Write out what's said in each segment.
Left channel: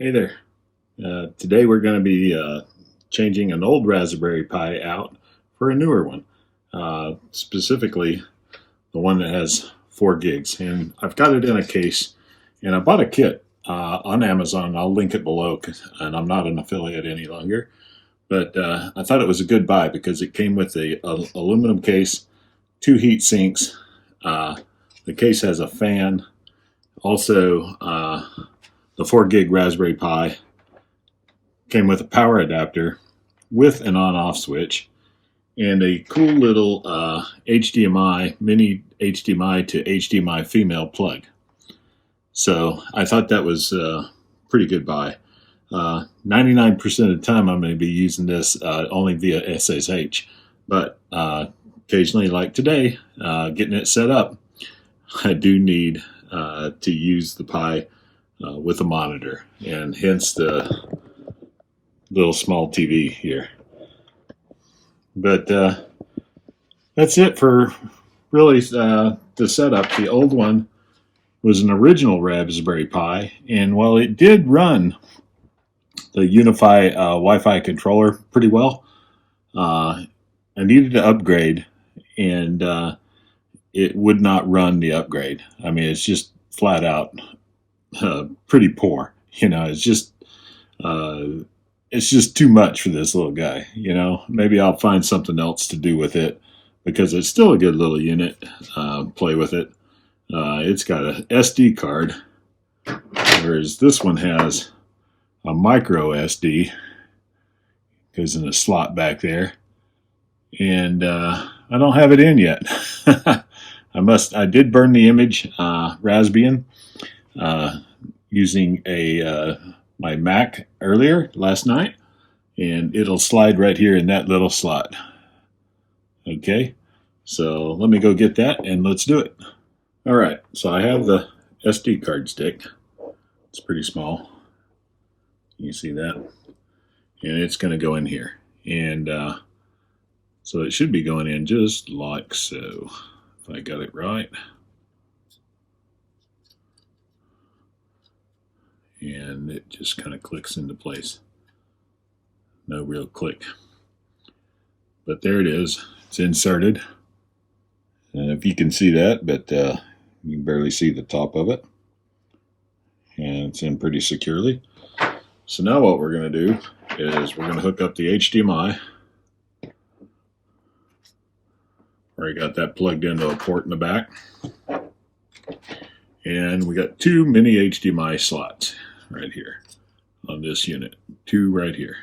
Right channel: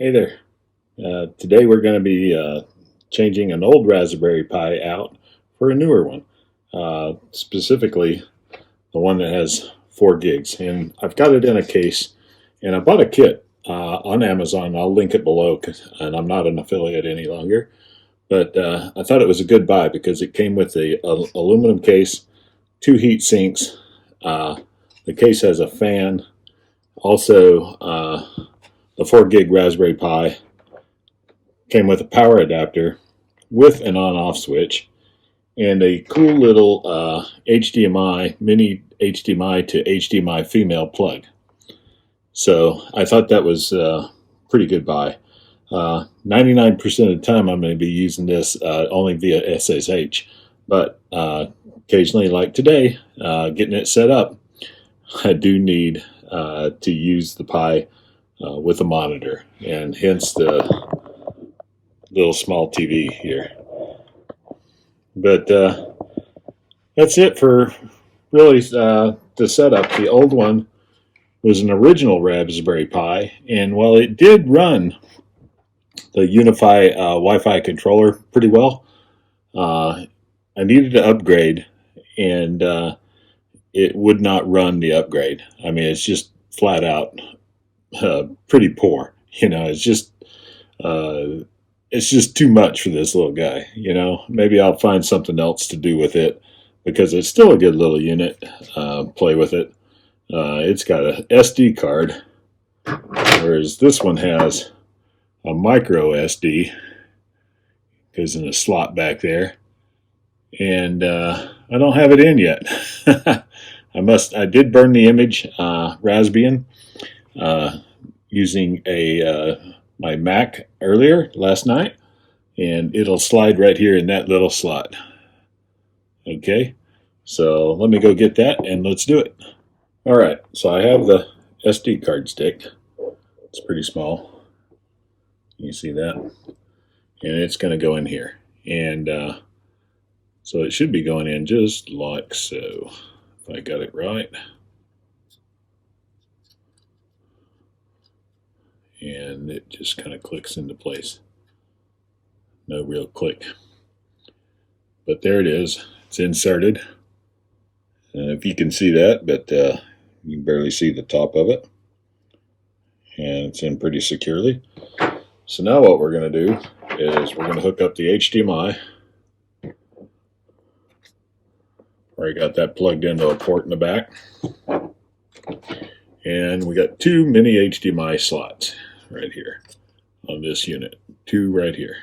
Hey there. Today we're going to be changing an old Raspberry Pi out for a newer one, specifically the one that has 4 gigs. And I've got it in a case, and I bought a kit on Amazon. I'll link it below, and I'm not an affiliate any longer. But I thought it was a good buy because it came with a aluminum case, 2 heat sinks. The case has a fan, also the 4 gig Raspberry Pi came with a power adapter with an on-off switch and a cool little HDMI, mini HDMI to HDMI female plug. So I thought that was a pretty good buy. 99% of the time I'm going to be using this only via SSH, but occasionally, like today, getting it set up, I do need to use the Pi with a monitor, and hence the little small TV here. But that's it for really the setup. The old one was an original Raspberry Pi, and while it did run the Unifi Wi-Fi controller pretty well, I needed to upgrade, and it would not run the upgrade. I mean, it's just flat out pretty poor. It's just too much for this little guy. Maybe I'll find something else to do with it because it's still a good little unit. Play with it. It's got a SD card, whereas this one has a micro SD. Goes in a slot back there, and I don't have it in yet. I did burn the image Raspbian using my Mac earlier last night, and it'll slide right here in that little slot. Okay, so let me go get that and let's do it. All right, so I have the SD card stick. It's pretty small. You see that? And it's going to go in here. And so it should be going in just like so, if I got it right. And it just kind of clicks into place. No real click. But there it is. It's inserted. And if you can see that, but you can barely see the top of it. And it's in pretty securely. So now what we're going to do is we're going to hook up the HDMI. Already got that plugged into a port in the back. And we got 2 mini HDMI slots right here on this unit. 2 right here.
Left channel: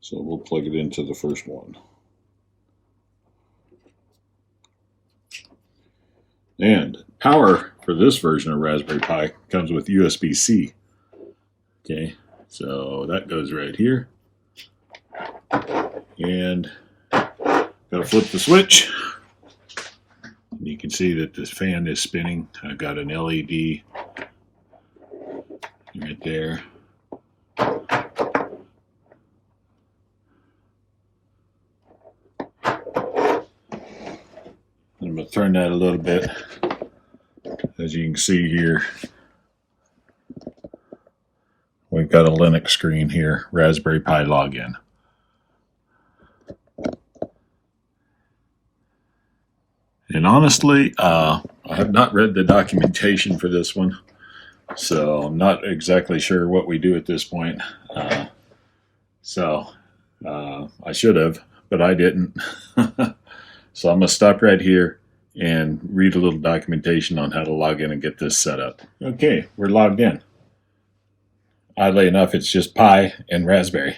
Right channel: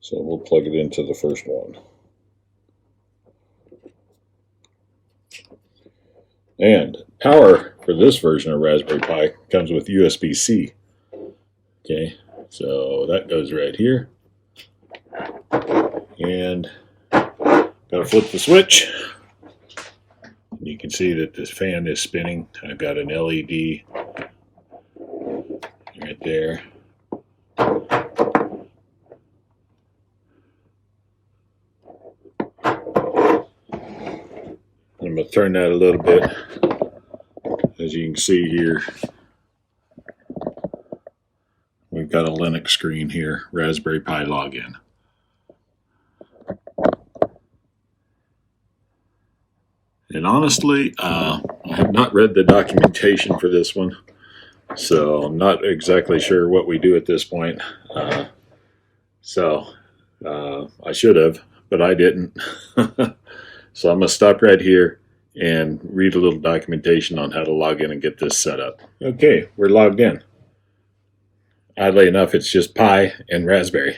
So we'll plug it into the first one. And power for this version of Raspberry Pi comes with USB-C. Okay, so that goes right here. And gotta flip the switch. You can see that the fan is spinning. I've got an LED right there. I'm going to turn that a little bit. As you can see here, we've got a Linux screen here, Raspberry Pi login. And honestly, I have not read the documentation for this one, so I'm not exactly sure what we do at this point. I should have, but I didn't. So I'm going to stop right here and read a little documentation on how to log in and get this set up. Okay, we're logged in. Oddly enough, it's just Pi and Raspberry.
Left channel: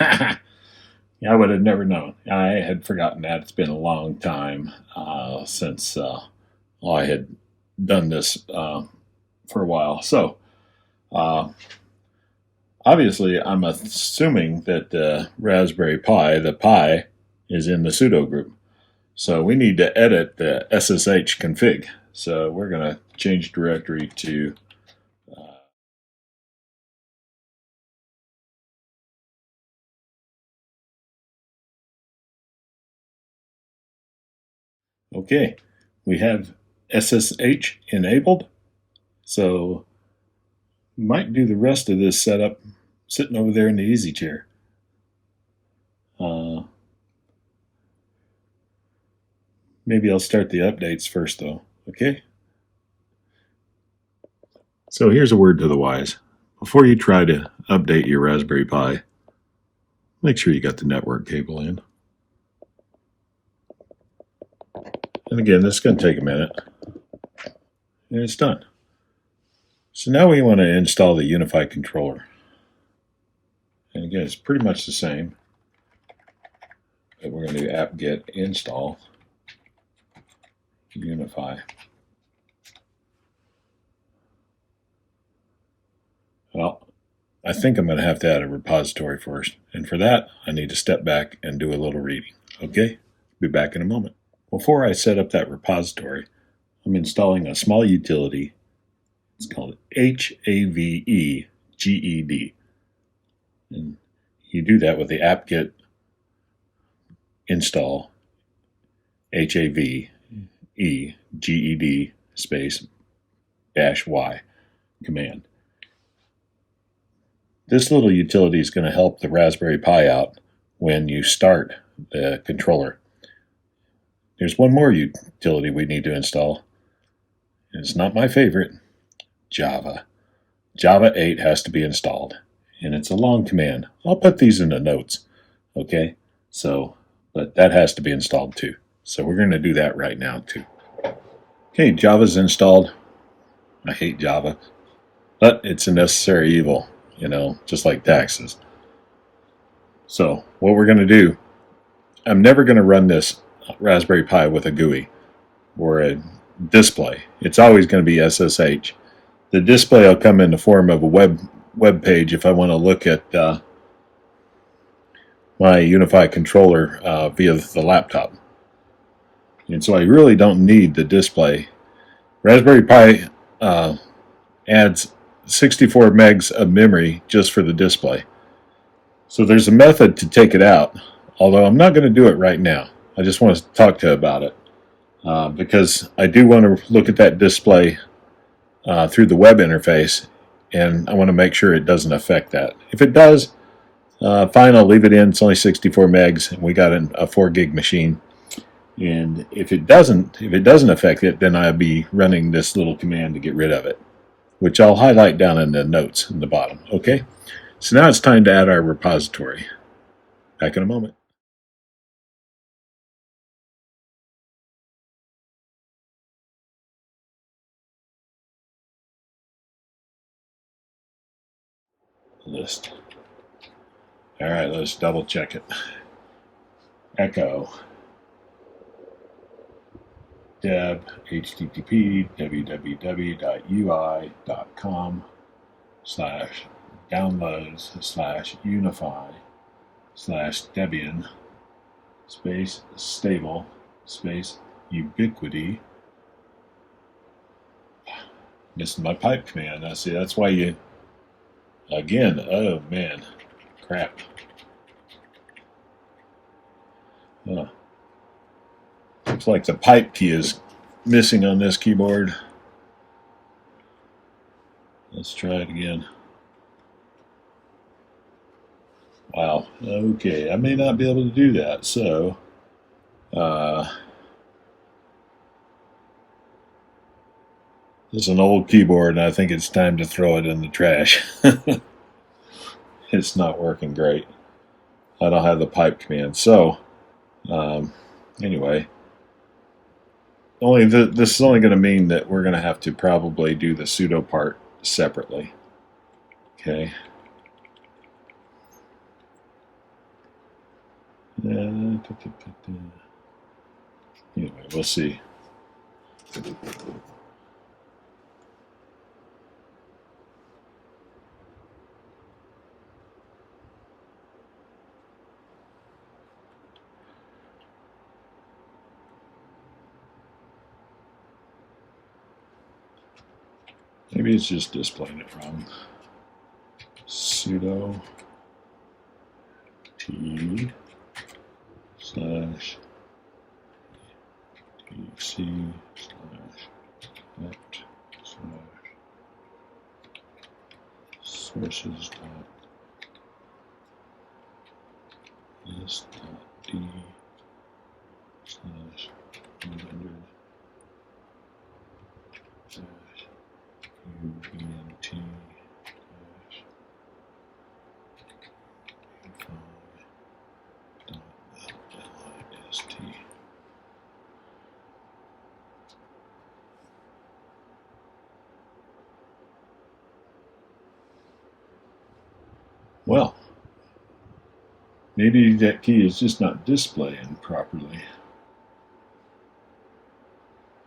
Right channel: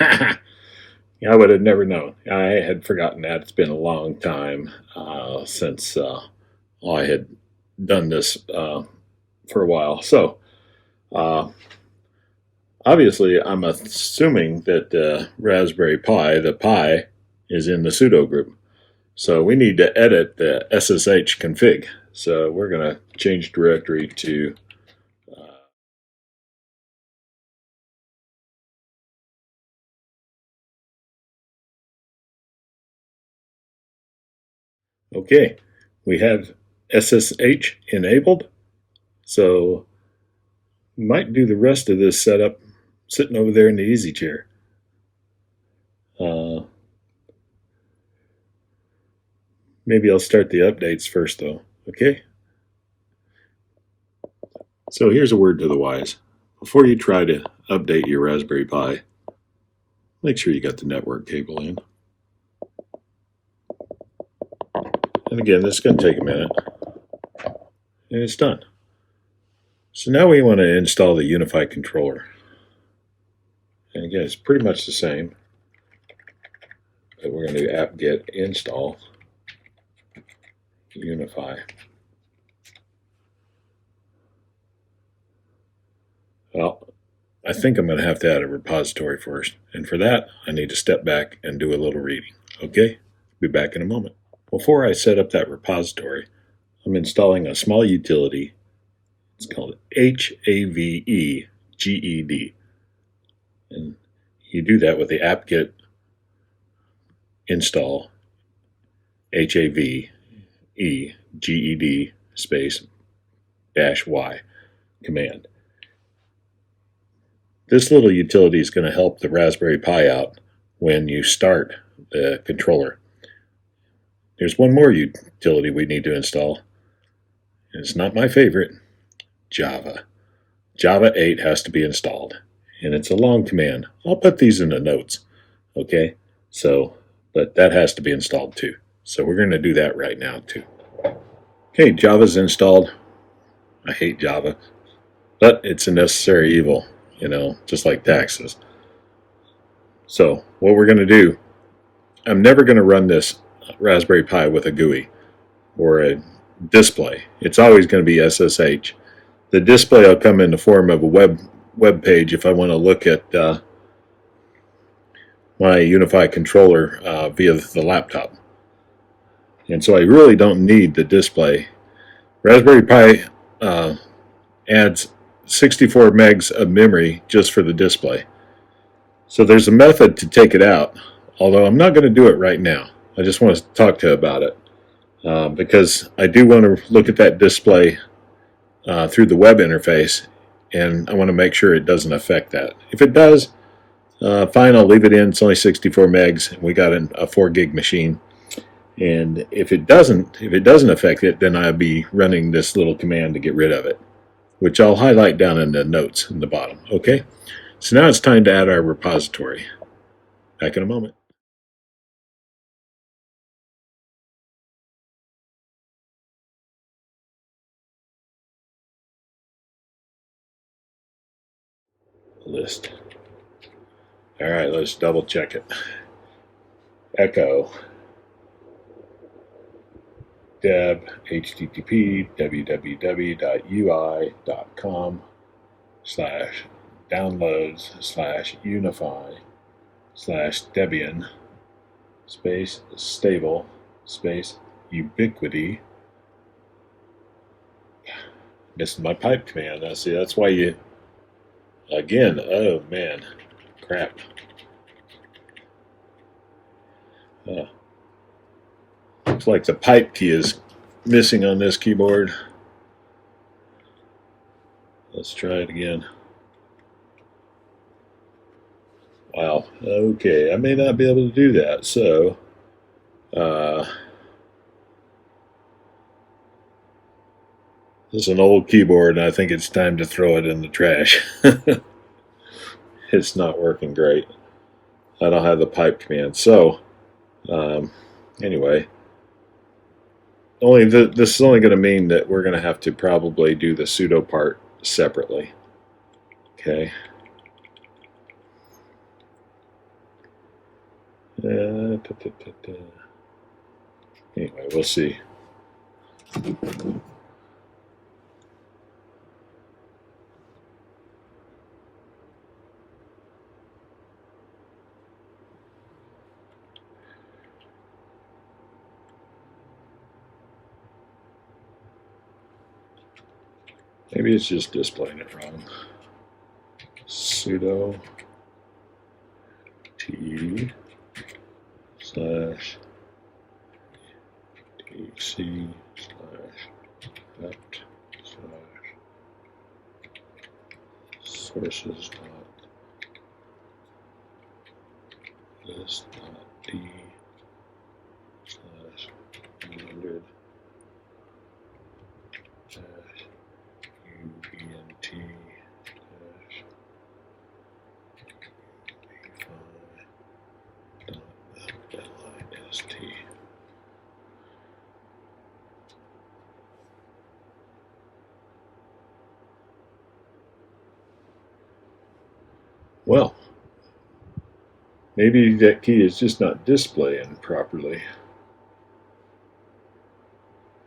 I would have never known. I had forgotten that. It's been a long time since I had done this for a while. So, obviously, I'm assuming that the Raspberry Pi, the Pi, is in the sudo group. So we need to edit the SSH config. So we're going to change directory to okay, we have SSH enabled. So Might do the rest of this setup sitting over there in the easy chair. Maybe I'll start the updates first though, okay? So here's a word to the wise. Before you try to update your Raspberry Pi, make sure you got the network cable in. And again, this is going to take a minute. And it's done. So now we want to install the Unifi controller. And again, it's pretty much the same. But we're going to do apt-get install Unifi. Well, I think I'm going to have to add a repository first. And for that, I need to step back and do a little reading. Okay? Be back in a moment. Before I set up that repository, I'm installing a small utility. It's called HAVEGED. And you do that with the apt-get install HAVEGED space -y command. This little utility is going to help the Raspberry Pi out when you start the controller. There's one more utility we need to install. It's not my favorite. Java. Java 8 has to be installed. And it's a long command. I'll put these in the notes. Okay? But that has to be installed too. So we're going to do that right now too. Okay, Java's installed. I hate Java. But it's a necessary evil, just like taxes. So what we're going to do, I'm never going to run this Raspberry Pi with a GUI or a display. It's always going to be SSH. The display will come in the form of a web page if I want to look at my Unifi controller via the laptop. And so I really don't need the display. Raspberry Pi adds 64 megs of memory just for the display. So there's a method to take it out, although I'm not going to do it right now. I just want to talk to you about it because I do want to look at that display through the web interface, and I want to make sure it doesn't affect that. If it does, fine, I'll leave it in. It's only 64 megs, and we got a 4 gig machine. And if it doesn't affect it, then I'll be running this little command to get rid of it, which I'll highlight down in the notes in the bottom. Okay, so now it's time to add our repository. Back in a moment. List. All right, let's double check it. Echo deb http www.ui.com/downloads/unifi/debian space stable space ubiquity. Missing my pipe command. I see. That's why you. Again. Oh man, crap. Looks like the pipe key is missing on this keyboard. Let's try it again. Wow. Okay, I may not be able to do that. So, this is an old keyboard, and I think it's time to throw it in the trash. It's not working great. I don't have the pipe command. So, anyway, this is only going to mean that we're going to have to probably do the sudo part separately. Okay. Anyway, we'll see. Maybe it's just displaying it wrong. Sudo t /tc /net sources list d slash 100 dash ubnt dash list. Well, maybe that key is just not displaying properly.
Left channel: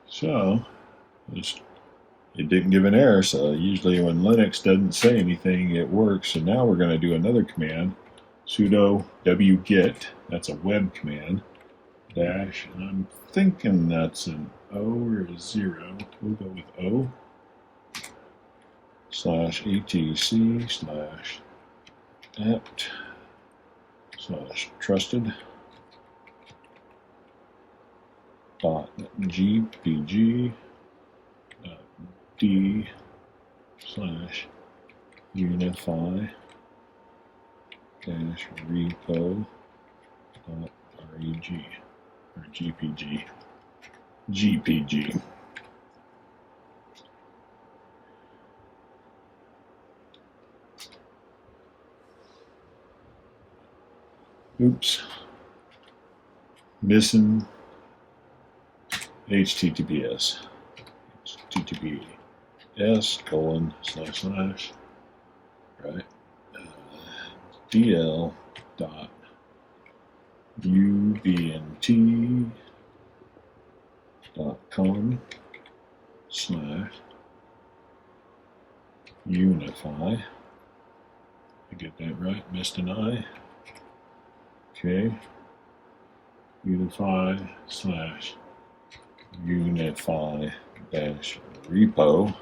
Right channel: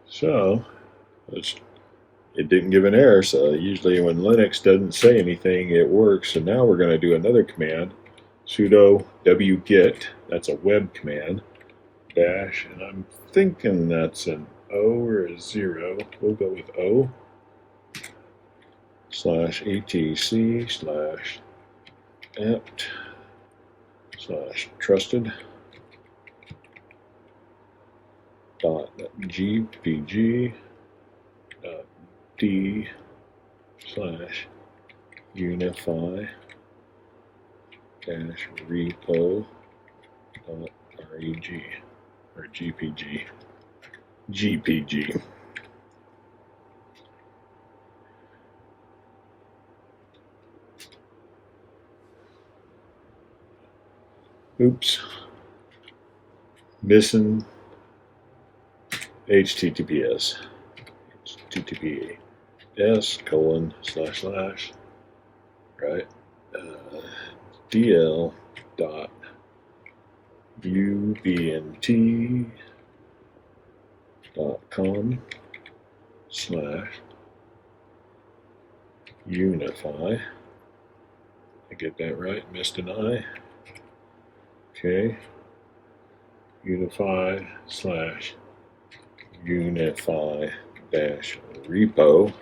So it didn't give an error, so usually when Linux doesn't say anything, it works. So now we're going to do another command, sudo wget, that's a web command, dash, and I'm thinking that's an O or a 0. We'll go with O, slash etc slash apt slash trusted dot gpg dot d slash Unifi dash repo dot reg or gpg. Oops, missing https https right, dl dot ubnt .com slash Unifi. I get that right? Missed an I. Okay. Unifi slash Unifi dash repo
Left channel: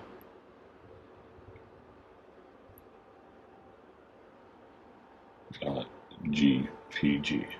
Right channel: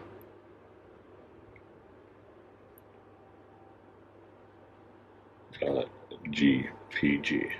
dot gpg.